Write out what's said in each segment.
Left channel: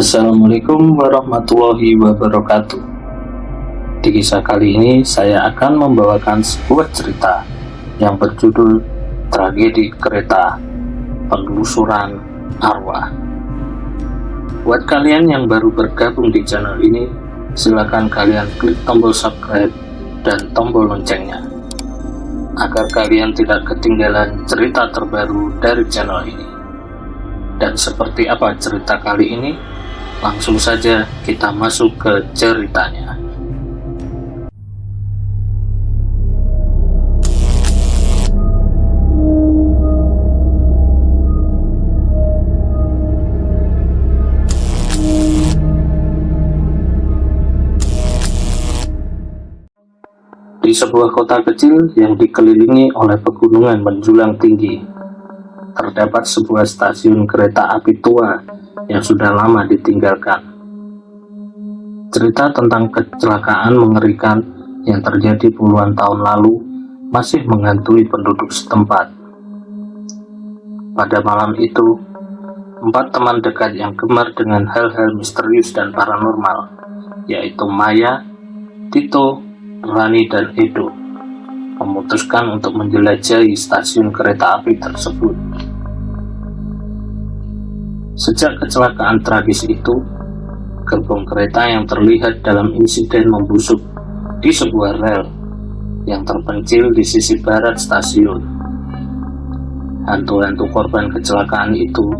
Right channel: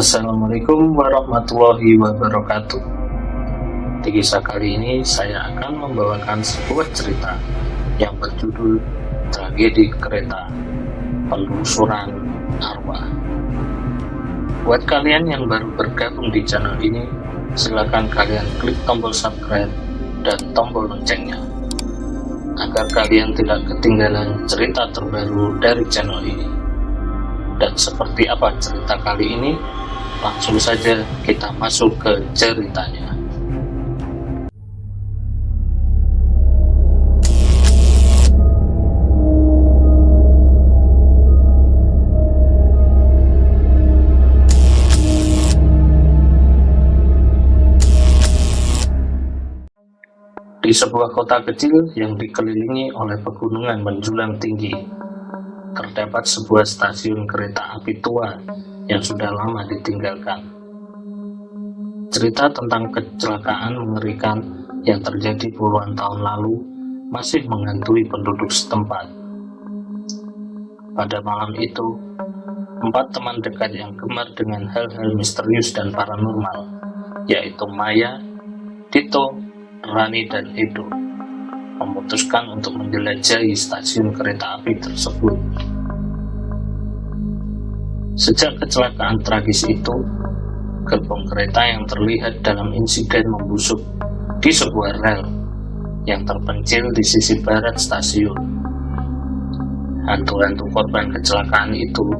Assalamualaikum warahmatullahi wabarakatuh. Di kisah kali ini saya akan membawakan sebuah cerita yang berjudul Tragedi Kereta Penelusuran Arwah. Buat kalian yang baru bergabung di channel ini, silakan kalian klik tombol subscribe dan tombol loncengnya agar kalian tidak ketinggalan cerita terbaru dari channel ini. Dan seperti apa cerita kali ini? Langsung saja kita masuk ke ceritanya. Di sebuah kota kecil yang dikelilingi oleh pegunungan menjulang tinggi, terdapat sebuah stasiun kereta api tua yang sudah lama ditinggalkan. Cerita tentang kecelakaan mengerikan yang terjadi puluhan tahun lalu masih menghantui penduduk setempat. Pada malam itu, 4 teman dekat yang gemar dengan hal-hal misterius dan paranormal, yaitu Maya, Tito, Rani, dan Edo, memutuskan untuk menjelajahi stasiun kereta api tersebut. Sejak kecelakaan tragis itu, gerbong kereta yang terlihat dalam insiden membusuk di sebuah rel yang terpencil di sisi barat stasiun. Hantu-hantu korban kecelakaan itu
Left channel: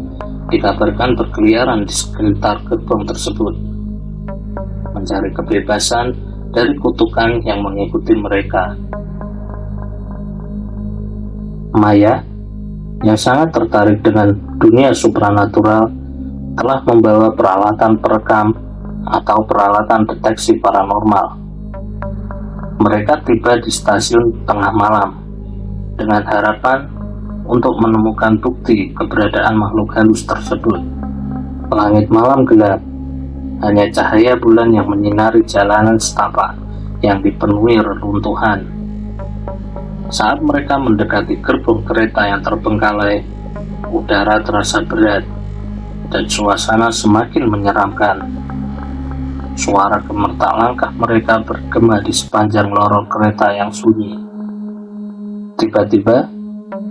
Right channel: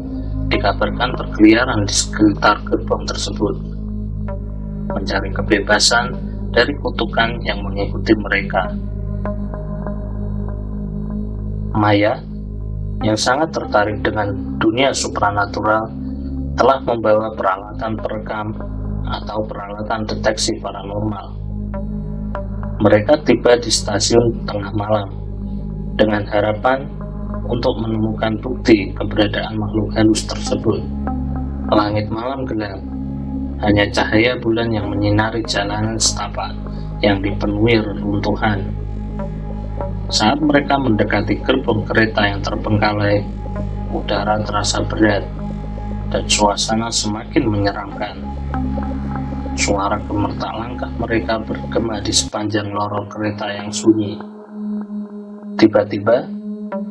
dikabarkan berkeliaran di sekitar gerbong tersebut, mencari kebebasan dari kutukan yang mengikuti mereka. Maya, yang sangat tertarik dengan dunia supranatural, telah membawa peralatan perekam atau peralatan deteksi paranormal. Mereka tiba di stasiun tengah malam dengan harapan untuk menemukan bukti keberadaan makhluk halus tersebut. Langit malam gelap, hanya cahaya bulan yang menyinari jalanan setapak yang dipenuhi reruntuhan. Saat mereka mendekati gerbong kereta yang terbengkalai, udara terasa berat dan suasana semakin menyeramkan. Suara gemetar langkah mereka bergema di sepanjang lorong kereta yang sunyi. Tiba-tiba,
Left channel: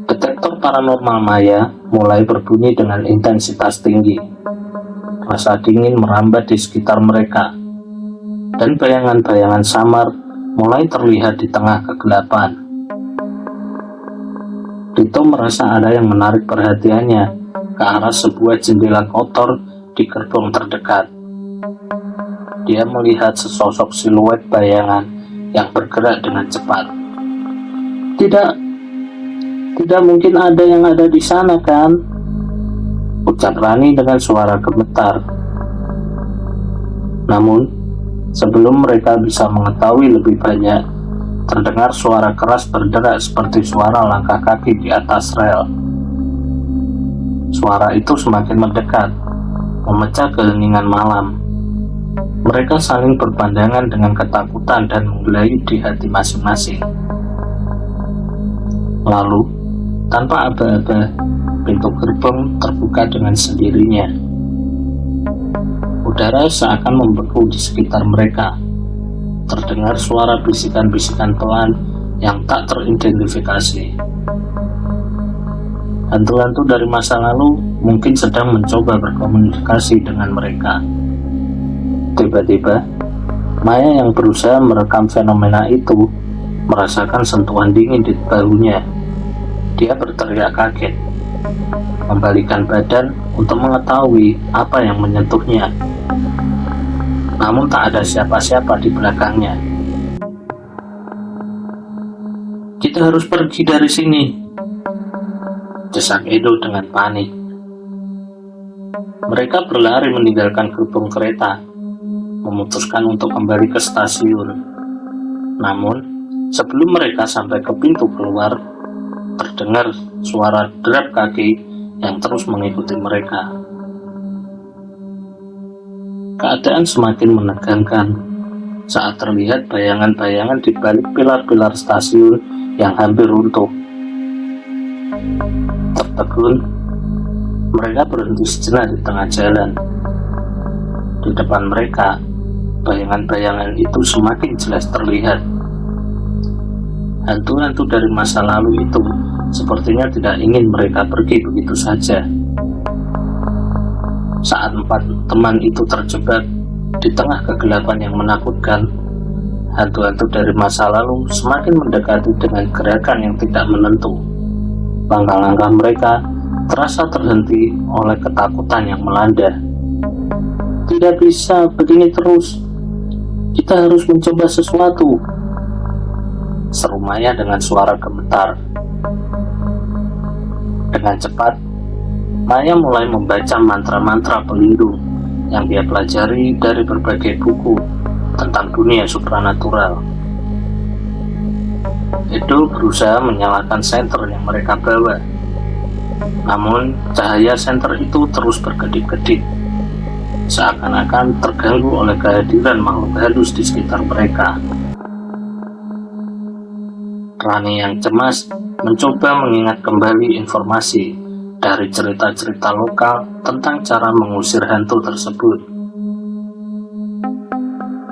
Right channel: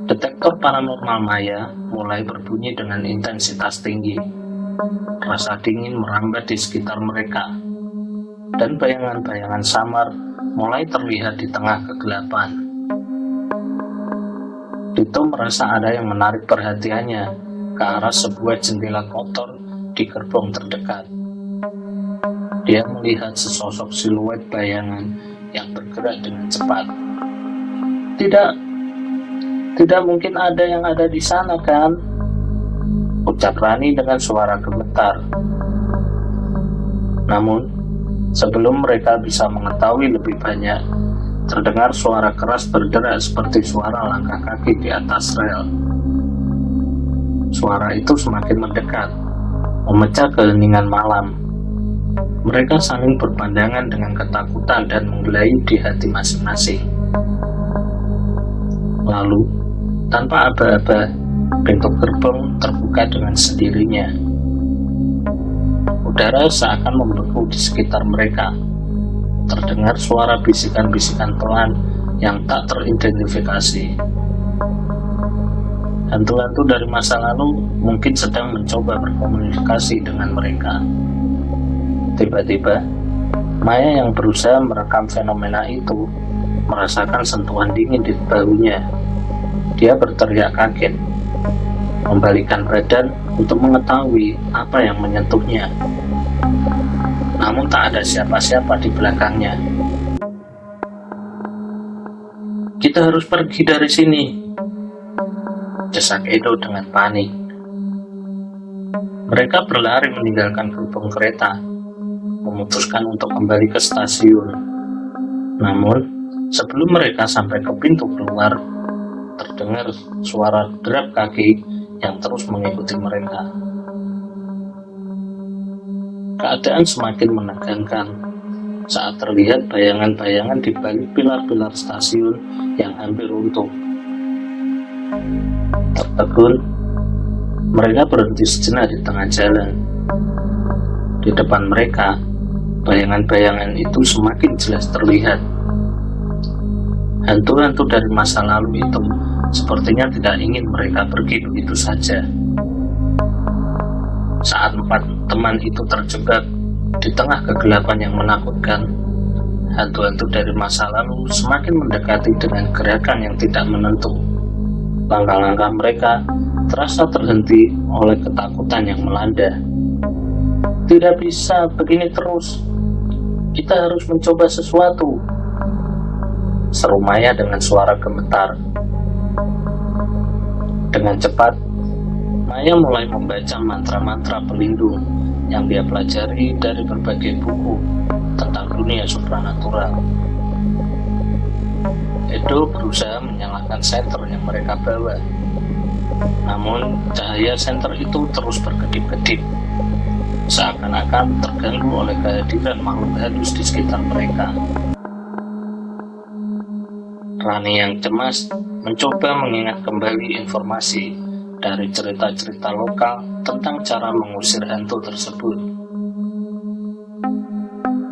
detektor paranormal Maya mulai berbunyi dengan intensitas tinggi. Rasa dingin merambat di sekitar mereka, dan bayangan-bayangan samar mulai terlihat di tengah kegelapan. Tito merasa ada yang menarik perhatiannya ke arah sebuah jendela kotor di gerbong terdekat. Dia melihat sesosok siluet bayangan yang bergerak dengan cepat. Tidak mungkin ada yang ada di sana, kan? Ucap Rani dengan suara gemetar. Namun, sebelum mereka bisa mengetahui lebih banyak, terdengar suara keras berderak seperti suara langkah kaki di atas rel. Suara itu semakin mendekat, memecah keheningan malam. Mereka saling berpandangan dengan ketakutan dan menggelayut di hati masing-masing. Lalu, tanpa aba-aba, pintu gerbong terbuka dengan sendirinya. Udara seakan membeku di sekitar mereka. Terdengar suara bisikan-bisikan pelan yang tak teridentifikasi. Hantu-hantu dari masa lalu mungkin sedang mencoba berkomunikasi dengan mereka. Tiba-tiba, Maya yang berusaha merekam fenomena itu merasakan sentuhan dingin di bahunya. Dia berteriak kaget, membalikkan badan untuk mengetahui apa yang menyentuhnya. Namun tak ada siapa-siapa di belakangnya. "Kita harus pergi dari sini," desak Edo dengan panik. Mereka berlari meninggalkan gerbong kereta, memutuskan untuk kembali ke stasiun. Namun, sebelum mereka sampai ke pintu keluar, terdengar suara derap kaki yang terus mengikuti mereka. Keadaan semakin menegangkan saat terlihat bayangan-bayangan di balik pilar-pilar stasiun yang hampir runtuh. Tertegun, mereka berhenti sejenak di tengah jalan. di depan mereka, bayangan-bayangan itu semakin jelas terlihat. Hantu-hantu dari masa lalu itu sepertinya tidak ingin mereka pergi begitu saja. Saat 4 teman itu terjebak di tengah kegelapan yang menakutkan, hantu-hantu dari masa lalu semakin mendekati dengan gerakan yang tidak menentu. Langkah-langkah mereka terasa terhenti oleh ketakutan yang melanda. Tidak bisa begini terus. Kita harus mencoba sesuatu, seru Maya dengan suara gemetar. Dengan cepat, Maya mulai membaca mantra-mantra pelindung yang dia pelajari dari berbagai buku tentang dunia supranatural. Edo berusaha menyalakan senter yang mereka bawa. Namun, cahaya senter itu terus berkedip-kedip, seakan-akan terganggu oleh kehadiran makhluk halus di sekitar mereka. Rani yang cemas mencoba mengingat kembali informasi dari cerita-cerita lokal tentang cara mengusir hantu tersebut.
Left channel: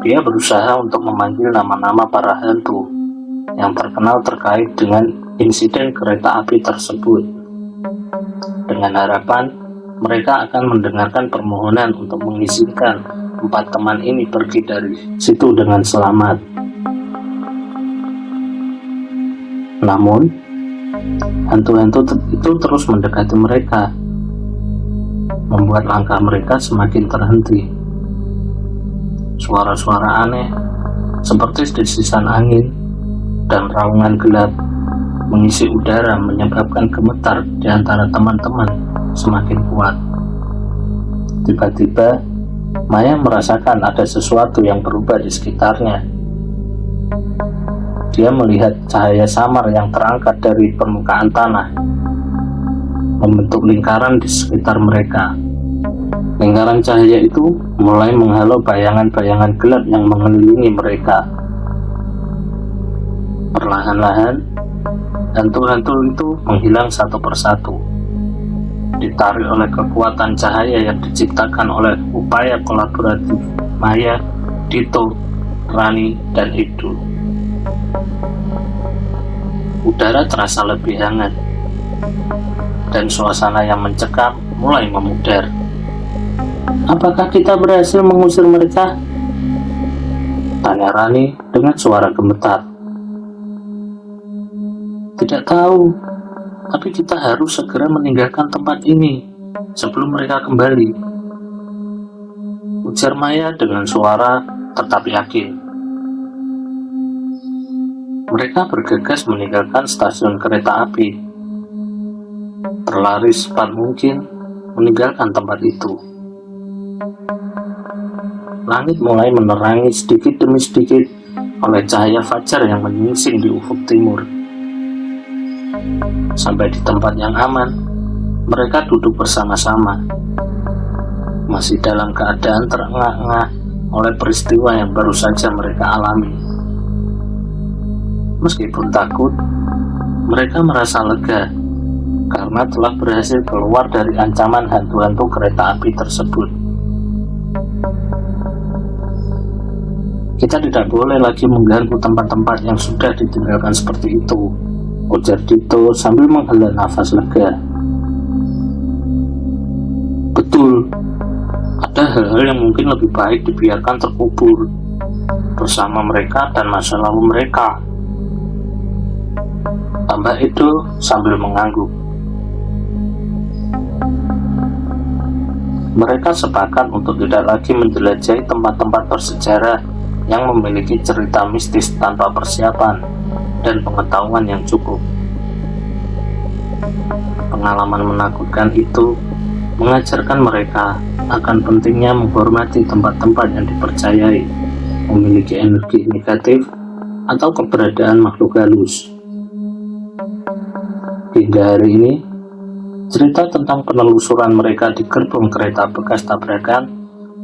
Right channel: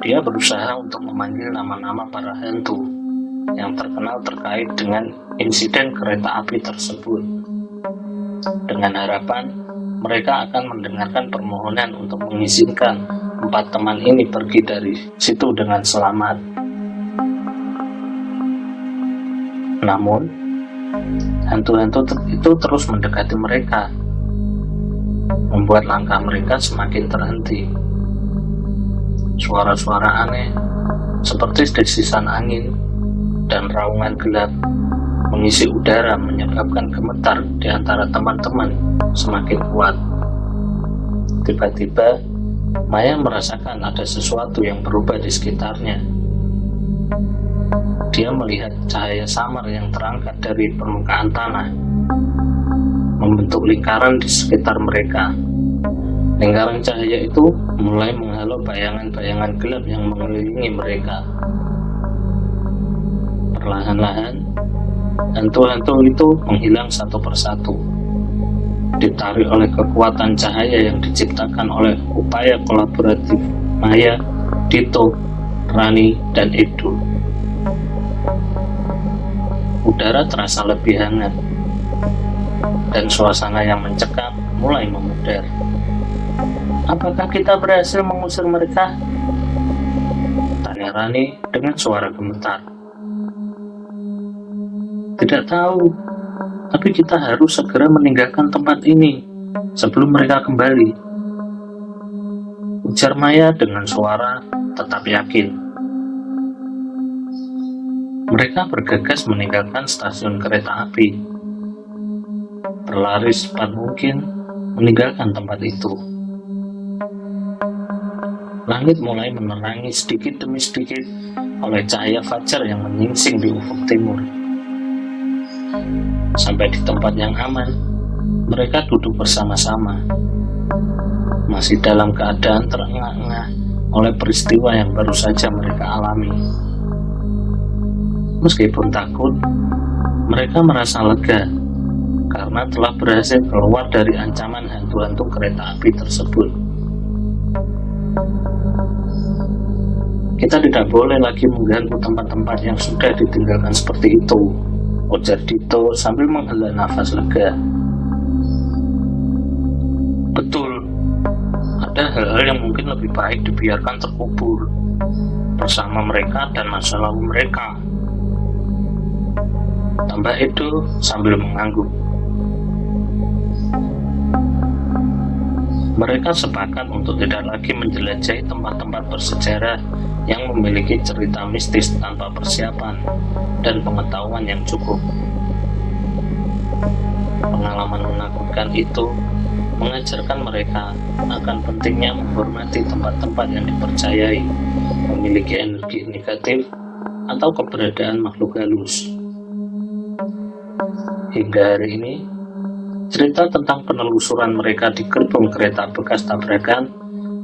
Dia berusaha untuk memanggil nama-nama para hantu yang terkenal terkait dengan insiden kereta api tersebut, dengan harapan mereka akan mendengarkan permohonan untuk mengizinkan 4 teman ini pergi dari situ dengan selamat. Namun, hantu-hantu itu terus mendekati mereka, membuat langkah mereka semakin terhenti. Suara-suara aneh, seperti desisan angin dan raungan gelap, mengisi udara menyebabkan gemetar di antara teman-teman semakin kuat. Tiba-tiba, Maya merasakan ada sesuatu yang berubah di sekitarnya. Dia melihat cahaya samar yang terangkat dari permukaan tanah, membentuk lingkaran di sekitar mereka. Lingkaran cahaya itu mulai menghalau bayangan-bayangan gelap yang mengelilingi mereka. Perlahan-lahan, hantu-hantu itu menghilang satu persatu, ditarik oleh kekuatan cahaya yang diciptakan oleh upaya kolaboratif Maya, Dito, Rani, dan Edo. Udara terasa lebih hangat, dan suasana yang mencekam mulai memudar. Apakah kita berhasil mengusir mereka? Tanya Rani dengan suara gemetar. Tidak tahu, tapi kita harus segera meninggalkan tempat ini sebelum mereka kembali, ujar Maya dengan suara tetap yakin. Mereka bergegas meninggalkan stasiun kereta api, berlari secepat mungkin meninggalkan tempat itu. Langit mulai menerangi sedikit demi sedikit oleh cahaya fajar yang menyingsing di ufuk timur. Sampai di tempat yang aman, mereka duduk bersama-sama, masih dalam keadaan terengah-engah oleh peristiwa yang baru saja mereka alami. Meskipun takut, mereka merasa lega karena telah berhasil keluar dari ancaman hantu-hantu kereta api tersebut. Kita tidak boleh lagi mengganggu tempat-tempat yang sudah ditinggalkan seperti itu, ujar Dito sambil menghela nafas lega. Betul, ada hal-hal yang mungkin lebih baik dibiarkan terkubur bersama mereka dan masa lalu mereka, tambah Edo sambil mengangguk. Mereka sepakat untuk tidak lagi menjelajahi tempat-tempat bersejarah yang memiliki cerita mistis tanpa persiapan dan pengetahuan yang cukup. Pengalaman menakutkan itu mengajarkan mereka akan pentingnya menghormati tempat-tempat yang dipercayai memiliki energi negatif atau keberadaan makhluk halus. Hingga hari ini, cerita tentang penelusuran mereka di gerbong kereta bekas tabrakan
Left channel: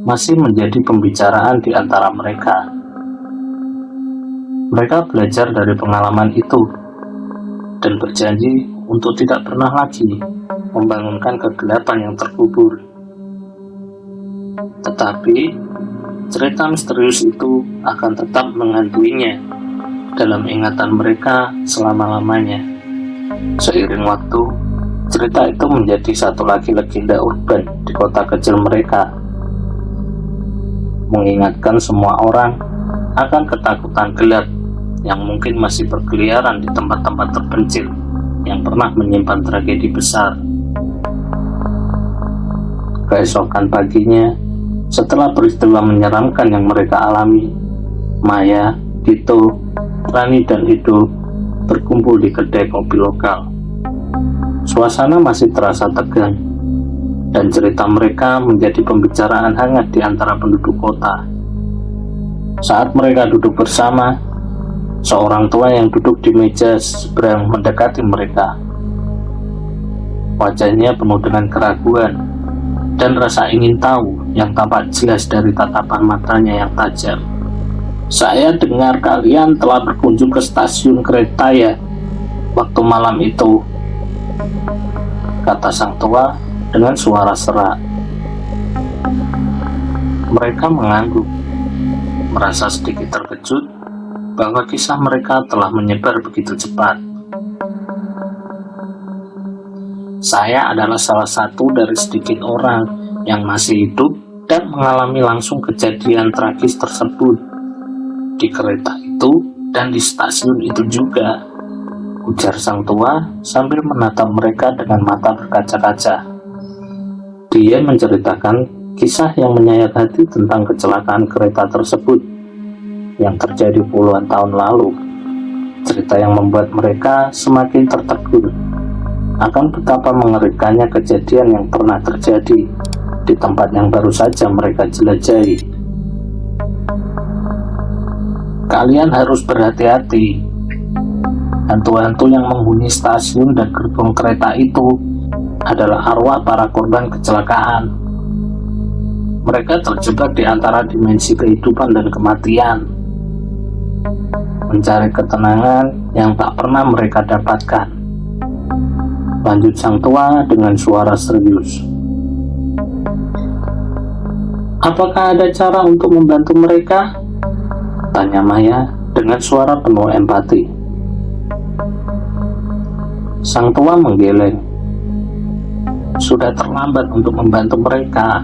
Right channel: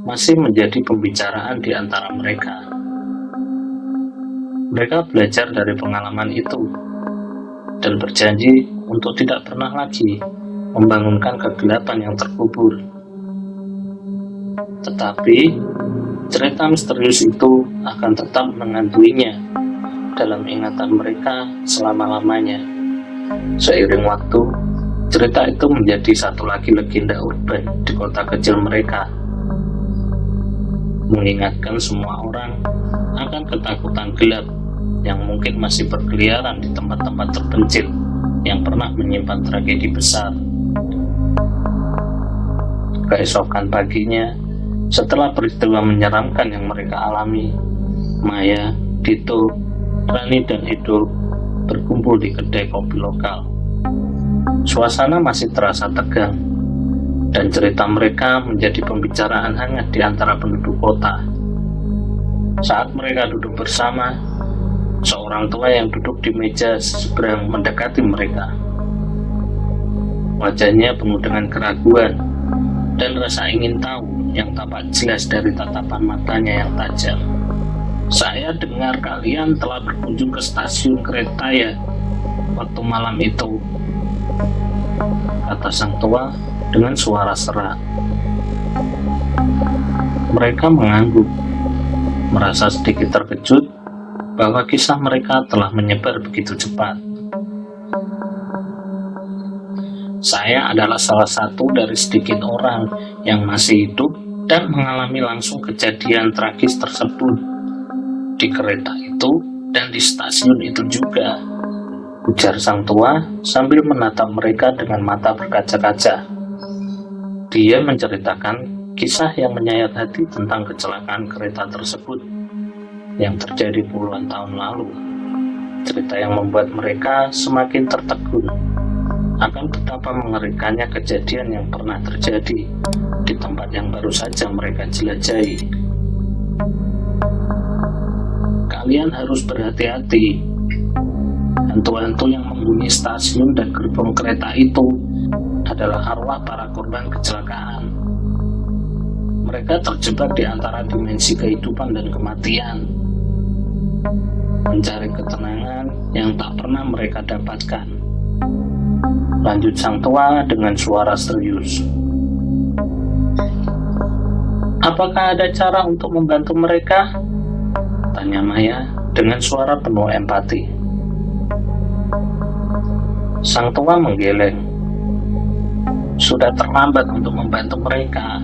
masih menjadi pembicaraan di antara mereka. Mereka belajar dari pengalaman itu dan berjanji untuk tidak pernah lagi membangunkan kegelapan yang terkubur. Tetapi cerita misterius itu akan tetap menghantuinya dalam ingatan mereka selama-lamanya. Seiring waktu, cerita itu menjadi satu lagi legenda urban di kota kecil mereka, mengingatkan semua orang akan ketakutan gelap yang mungkin masih berkeliaran di tempat-tempat terpencil yang pernah menyimpan tragedi besar. Keesokan paginya, setelah peristiwa menyeramkan yang mereka alami, Maya, Dito, Rani, dan Edo berkumpul di kedai kopi lokal. Suasana masih terasa tegang, dan cerita mereka menjadi pembicaraan hangat di antara penduduk kota. Saat mereka duduk bersama, seorang tua yang duduk di meja seberang mendekati mereka. Wajahnya penuh dengan keraguan dan rasa ingin tahu yang tampak jelas dari tatapan matanya yang tajam. "Saya dengar kalian telah berkunjung ke stasiun kereta ya, waktu malam itu," kata sang tua dengan suara serak. Mereka mengangguk, merasa sedikit terkejut bahwa kisah mereka telah menyebar begitu cepat. "Saya adalah salah satu dari sedikit orang yang masih hidup dan mengalami langsung kejadian tragis tersebut di kereta itu dan di stasiun itu juga," ujar sang tua sambil menatap mereka dengan mata berkaca-kaca. Dia menceritakan kisah yang menyayat hati tentang kecelakaan kereta tersebut yang terjadi puluhan tahun lalu. Cerita yang membuat mereka semakin tertegun akan betapa mengerikannya kejadian yang pernah terjadi di tempat yang baru saja mereka jelajahi. "Kalian harus berhati-hati. Hantu-hantu yang menghuni stasiun dan gerbong kereta itu adalah arwah para korban kecelakaan. Mereka terjebak di antara dimensi kehidupan dan kematian, mencari ketenangan yang tak pernah mereka dapatkan," lanjut sang tua dengan suara serius. "Apakah ada cara untuk membantu mereka?" tanya Maya dengan suara penuh empati. Sang tua menggeleng. "Sudah terlambat untuk membantu mereka,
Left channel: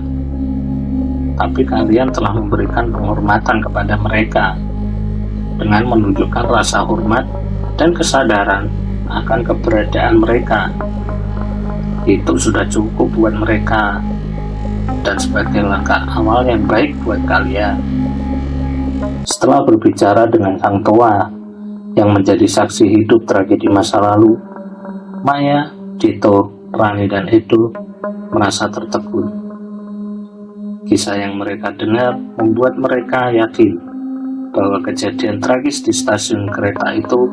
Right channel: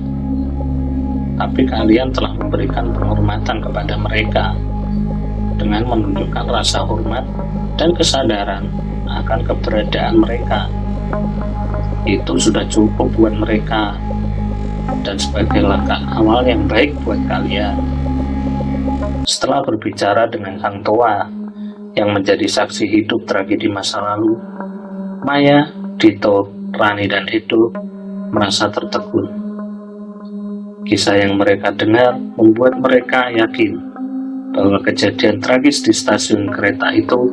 tapi kalian telah memberikan penghormatan kepada mereka dengan menunjukkan rasa hormat dan kesadaran akan keberadaan mereka. Itu sudah cukup buat mereka dan sebagai langkah awal yang baik buat kalian." Setelah berbicara dengan sang tua yang menjadi saksi hidup tragedi masa lalu, Maya, Dito, Rani, dan Edo merasa tertegun. Kisah yang mereka dengar membuat mereka yakin bahwa kejadian tragis di stasiun kereta itu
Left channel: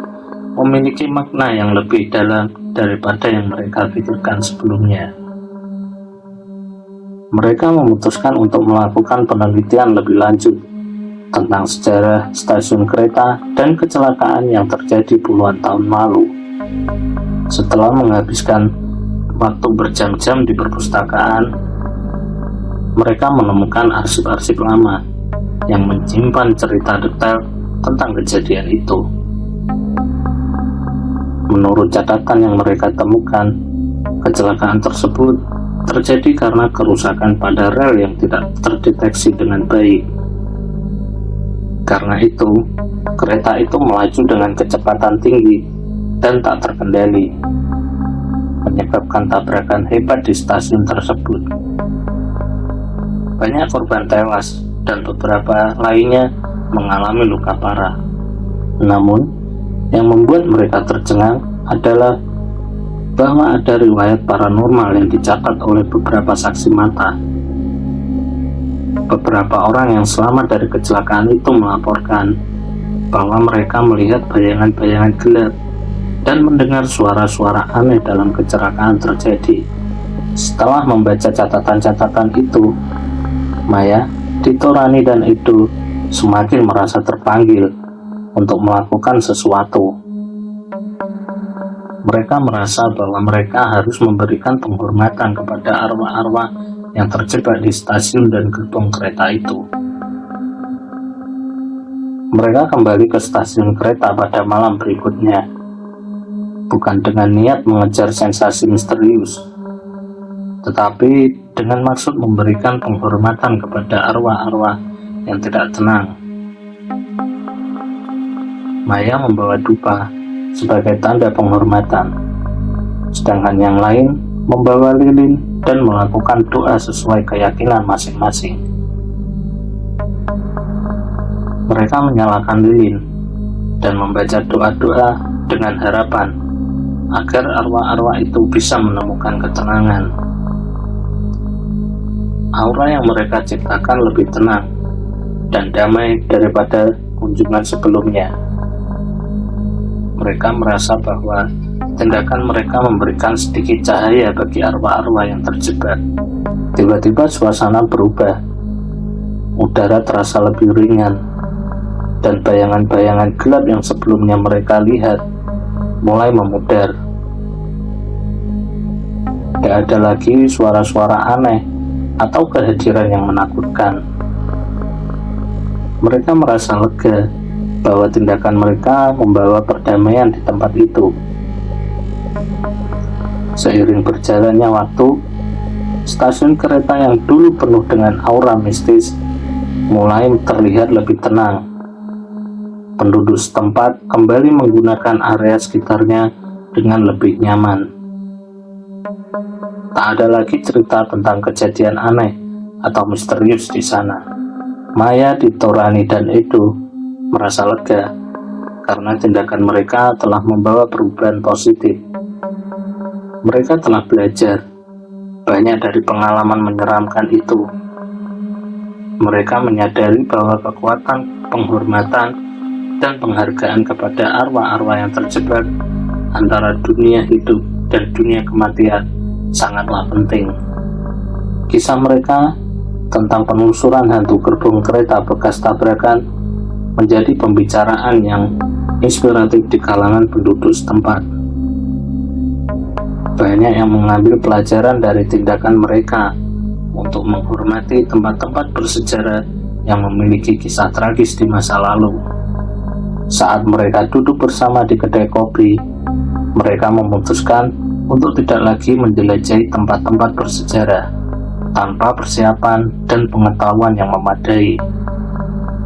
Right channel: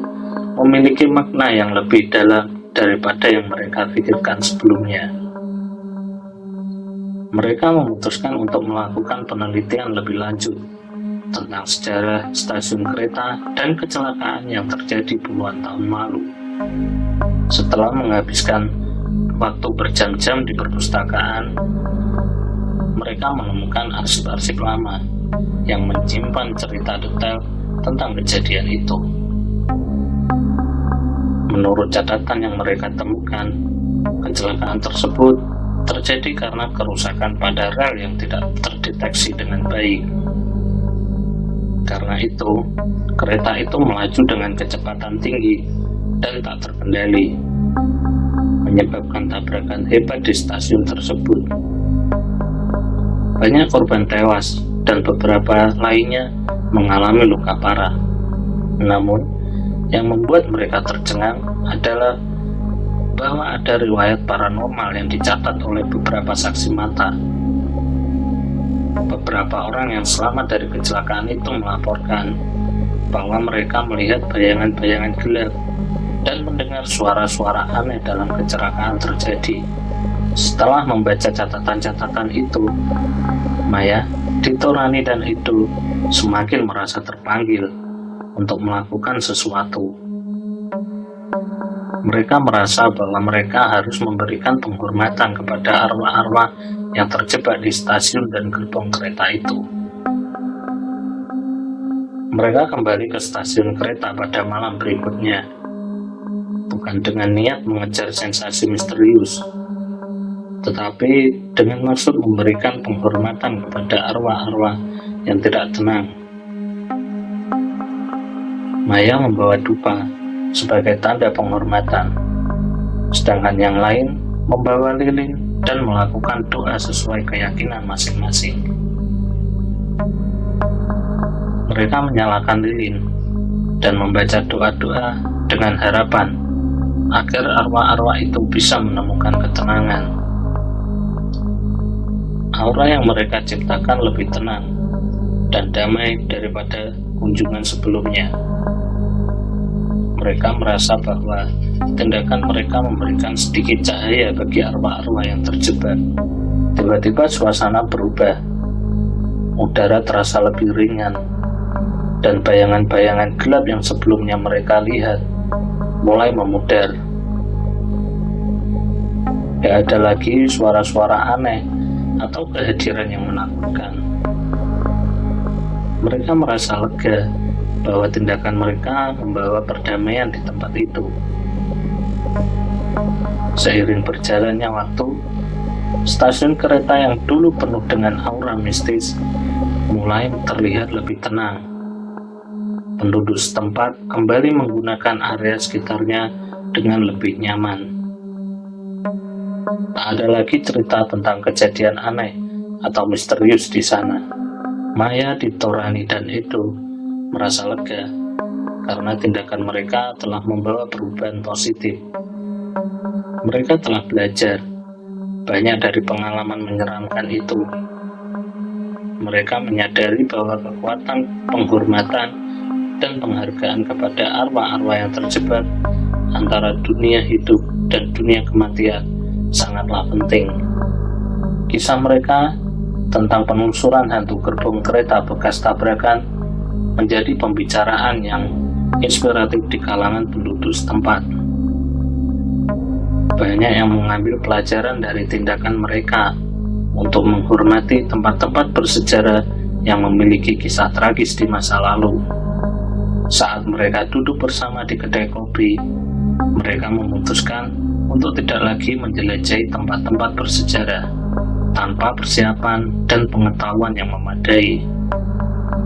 memiliki makna yang lebih dalam daripada yang mereka pikirkan sebelumnya. Mereka memutuskan untuk melakukan penelitian lebih lanjut tentang sejarah stasiun kereta dan kecelakaan yang terjadi puluhan tahun lalu. Setelah menghabiskan waktu berjam-jam di perpustakaan, mereka menemukan arsip-arsip lama yang menyimpan cerita detail tentang kejadian itu. Menurut catatan yang mereka temukan, kecelakaan tersebut terjadi karena kerusakan pada rel yang tidak terdeteksi dengan baik. Karena itu, kereta itu melaju dengan kecepatan tinggi dan tak terkendali, menyebabkan tabrakan hebat di stasiun tersebut. Banyak korban tewas dan beberapa lainnya mengalami luka parah. Namun, yang membuat mereka tercengang adalah bahwa ada riwayat paranormal yang dicatat oleh beberapa saksi mata. Beberapa orang yang selamat dari kecelakaan itu melaporkan bahwa mereka melihat bayangan-bayangan gelap dan mendengar suara-suara aneh dalam kecelakaan terjadi. Setelah membaca catatan-catatan itu, Maya, Dito, Rani, dan Edo semakin merasa terpanggil untuk melakukan sesuatu. Mereka merasa bahwa mereka harus memberikan penghormatan kepada arwah-arwah yang terjebak di stasiun dan gerbong kereta itu. Mereka kembali ke stasiun kereta pada malam berikutnya, bukan dengan niat mengejar sensasi misterius, tetapi dengan maksud memberikan penghormatan kepada arwah-arwah yang tidak tenang. Maya membawa dupa sebagai tanda penghormatan, sedangkan yang lain membawa lilin dan melakukan doa sesuai keyakinan masing-masing. Mereka menyalakan lilin dan membaca doa-doa dengan harapan agar arwah-arwah itu bisa menemukan ketenangan. Aura yang mereka ciptakan lebih tenang dan damai daripada kunjungan sebelumnya. Mereka merasa bahwa tindakan mereka memberikan sedikit cahaya bagi arwah-arwah yang terjebak. Tiba-tiba suasana berubah. Udara terasa lebih ringan, dan bayangan-bayangan gelap yang sebelumnya mereka lihat mulai memudar. Tidak ada lagi suara-suara aneh atau kehadiran yang menakutkan. Mereka merasa lega bahwa tindakan mereka membawa perdamaian di tempat itu. Seiring berjalannya waktu, stasiun kereta yang dulu penuh dengan aura mistis mulai terlihat lebih tenang. Penduduk setempat kembali menggunakan area sekitarnya dengan lebih nyaman. Tak ada lagi cerita tentang kejadian aneh atau misterius di sana. Maya, Ditorani, dan Edo merasa lega karena tindakan mereka telah membawa perubahan positif. Mereka telah belajar banyak dari pengalaman menyeramkan itu. Mereka menyadari bahwa kekuatan, penghormatan, dan penghargaan kepada arwah-arwah yang terjebak antara dunia hidup dan dunia kematian sangatlah penting. Kisah mereka tentang penelusuran hantu gerbong kereta bekas tabrakan menjadi pembicaraan yang inspiratif di kalangan penduduk setempat. Banyak yang mengambil pelajaran dari tindakan mereka untuk menghormati tempat-tempat bersejarah yang memiliki kisah tragis di masa lalu. Saat mereka duduk bersama di kedai kopi, mereka memutuskan untuk tidak lagi menjelajahi tempat-tempat bersejarah tanpa persiapan dan pengetahuan yang memadai.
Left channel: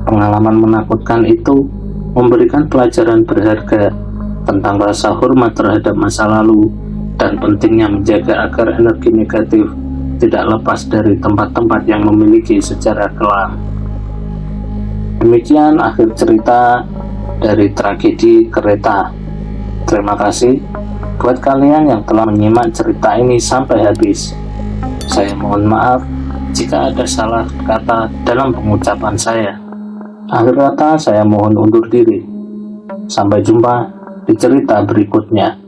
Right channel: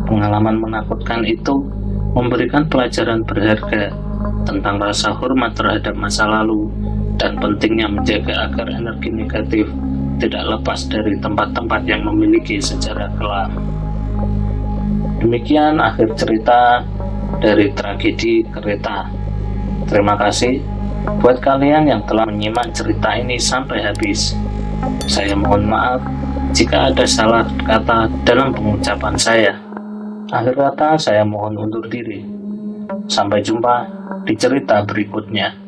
Pengalaman menakutkan itu memberikan pelajaran berharga tentang rasa hormat terhadap masa lalu dan pentingnya menjaga agar energi negatif tidak lepas dari tempat-tempat yang memiliki sejarah kelam. Demikian akhir cerita dari tragedi kereta. Terima kasih buat kalian yang telah menyimak cerita ini sampai habis. Saya mohon maaf jika ada salah kata dalam pengucapan saya. Akhir kata, saya mohon undur diri. Sampai jumpa di cerita berikutnya.